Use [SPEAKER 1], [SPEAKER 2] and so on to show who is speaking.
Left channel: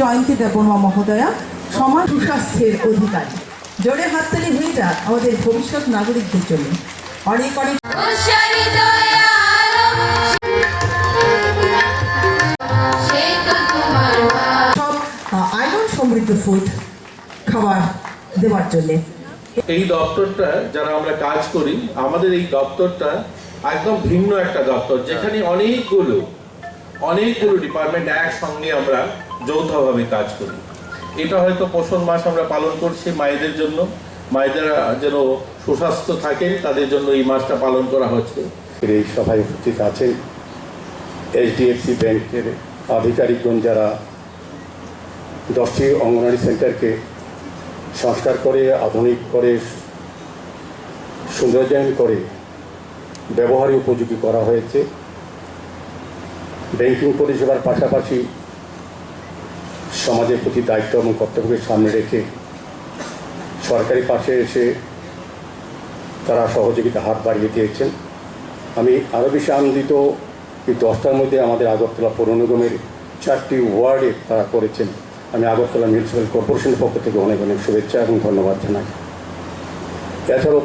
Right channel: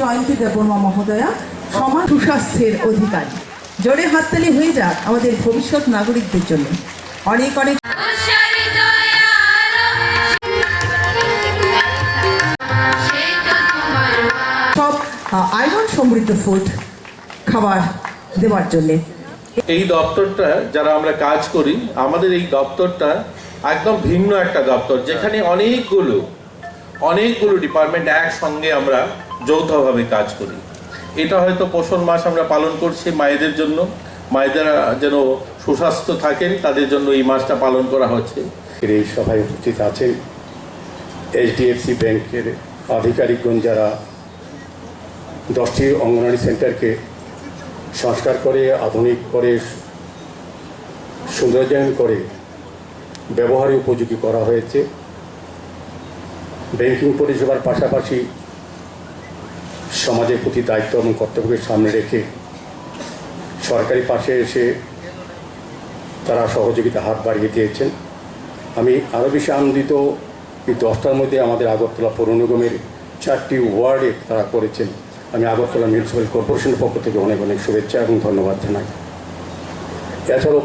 [SPEAKER 1] জয়ন্তী দেববর্মা মহোদয়া সমাজ সুস্বাস্থ্যের অধিকারী। জোরে হাততালি হয়ে যাক আমাদের ভবিষ্যৎ নাগরিকদের জন্য। অনেক অনেক সমৃদ্ধ খাবার দেওয়ার জন্যে।
[SPEAKER 2] এই দপ্তরটা যারা আমরা কাজ করি, আমাদের এই দপ্তরটা একদম ভিন্ন একটা দপ্তর, যেখানে অনেকগুলো অনেকগুলো ডিপার্টমেন্ট একসঙ্গে আমরা যৌথভাবে কাজ করি। এটা হয়তো পোষণ মাস আমরা পালন করছি মায়েদের জন্য। মায়েদের যেন সুস্বাস্থ্য থাকেন তাদের জন্য এই মাসটা পালন করা হচ্ছে।
[SPEAKER 3] এই সভায় উপস্থিত আছেন এইচডিএফসি ব্যাংকের আধিকারিকগণ যারা দশটি অঙ্গনওয়াড়ি সেন্টারকে সংস্কার করে, আধুনিক করে সৌন্দর্যায়ন করে ব্যবহারে উপযোগী করা হয়েছে। ব্যাংকিং পরিষেবার পাশাপাশি সমাজের প্রতি দায়িত্ব এবং কর্তব্যকে সামনে রেখে সরকারি পাশে এসে তারা সহযোগিতা হাত বাড়িয়ে দিয়েছেন। আমি আরও বেশি আনন্দিত এই দশটার মধ্যে আমাদের আগরতলা পৌর নিগমের চারটি ওয়ার্ডে তারা করেছেন। আমি আগরতলা মিউনিসিপ্যাল কর্পোরেশনের পক্ষ থেকে অনেক অনেক শুভেচ্ছা এবং ধন্যবাদ জানাই। এছাড়াও